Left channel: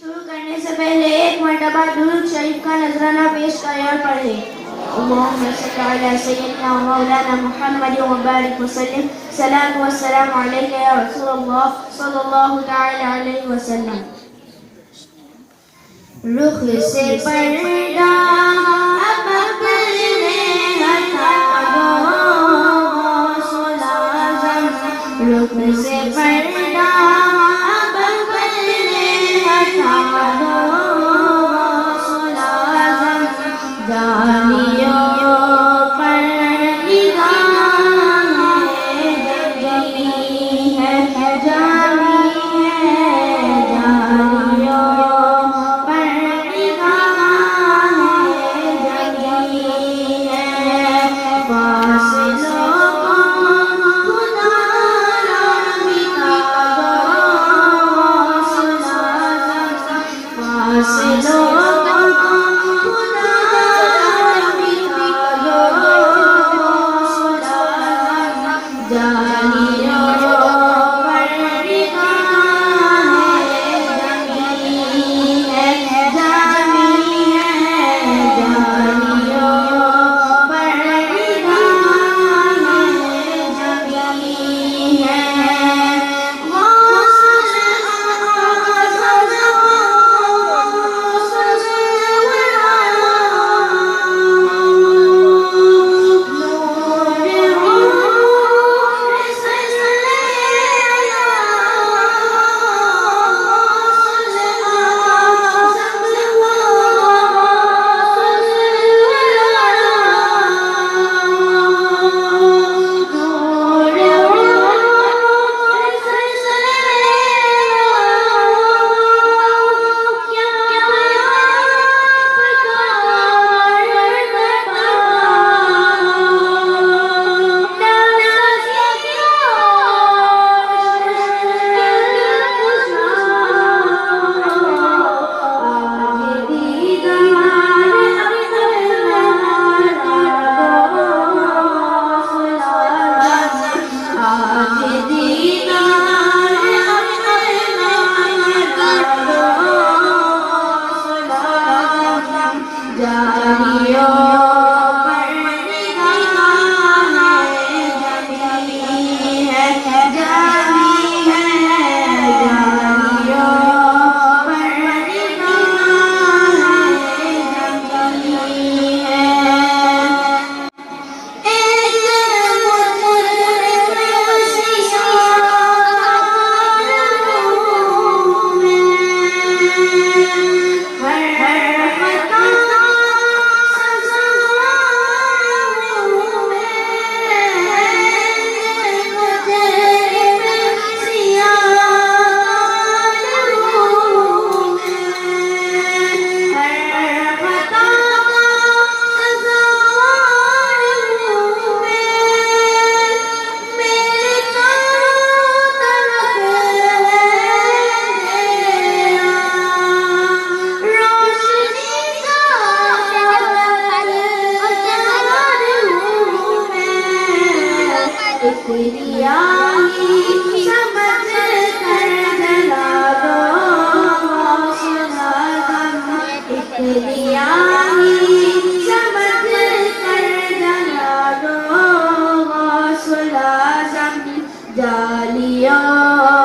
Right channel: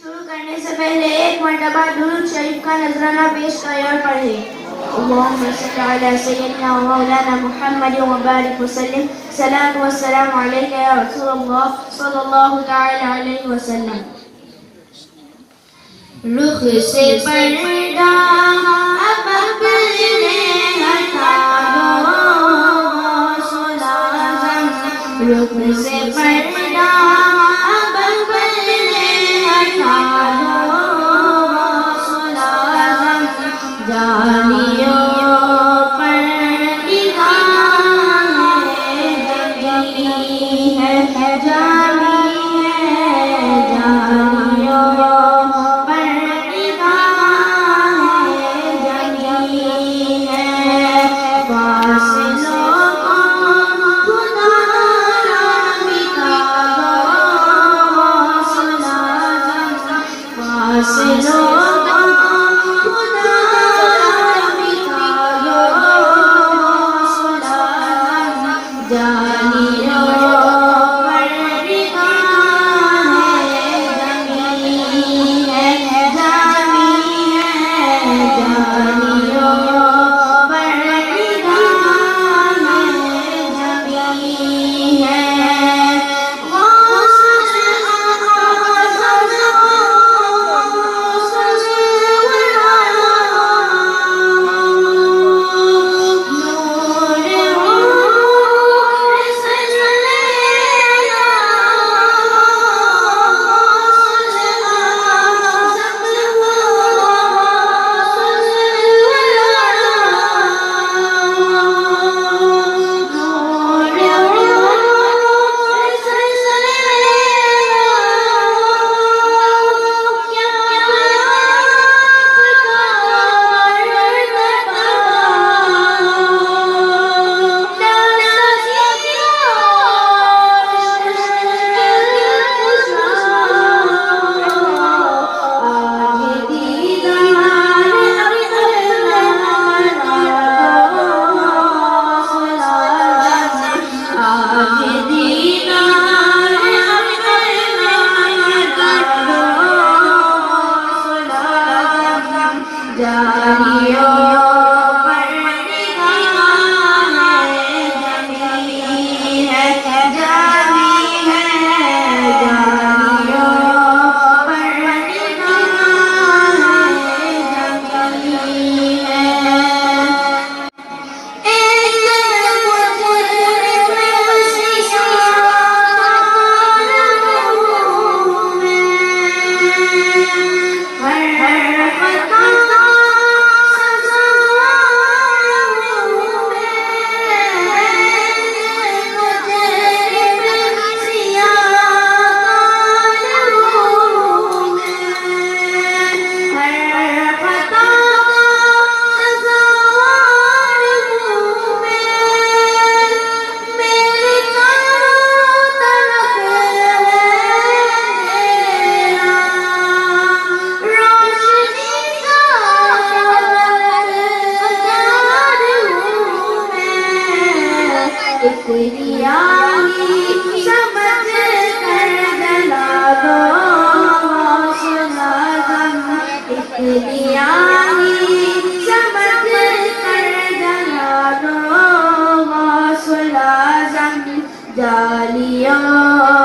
शुरू करने से पहले एक मरतबा दुरूद शरीफ का नजराना पेश करें और पढ़े। अल्लाहुम्मा सल्ली अला सय्यिदना व मौलाना मुहम्मद व बारिक वसल्लिम। सलाम व सलाम अलैका या रसूलल्लाह सल्लल्लाहु तआला अलैहि वसल्लम। रुख से पर्दा रुख से पर्दा जामियों पर निगाह जगी है जामी है जामियों पर निगाह जगी है फासलों जालियों